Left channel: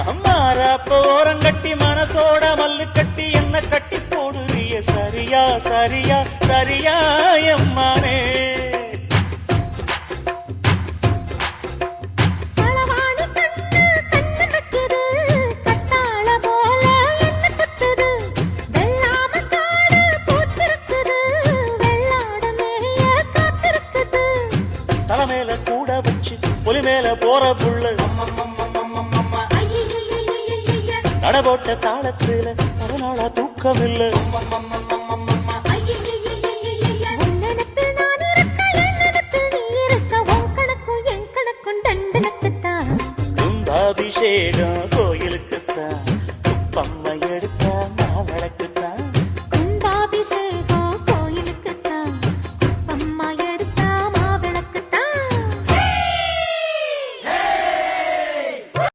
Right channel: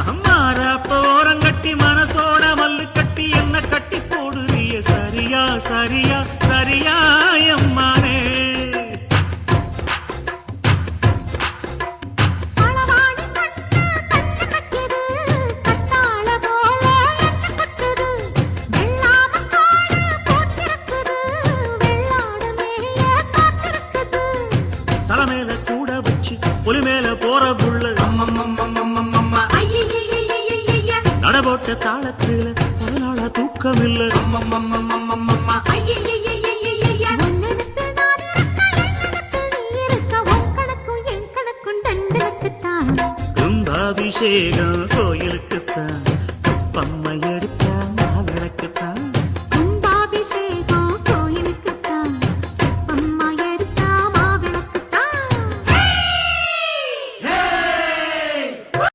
மாறாப்ப ஓரங்கட்டி மனசோட மல்லு கட்டி என்ன கட்டி போடுறிய சரியா சரியா சரியா எம்மானே தலைமையில கூட வச்சு புலி மேல போற புள்ள நடபோட்ட தாளத்துல ஒரு நாளா தூக்கம் இல்ல கும்பாபிஷேகம் கோயிலுக்குத்தான் பம்மை எடுத்தா நான் விளக்குத்தான்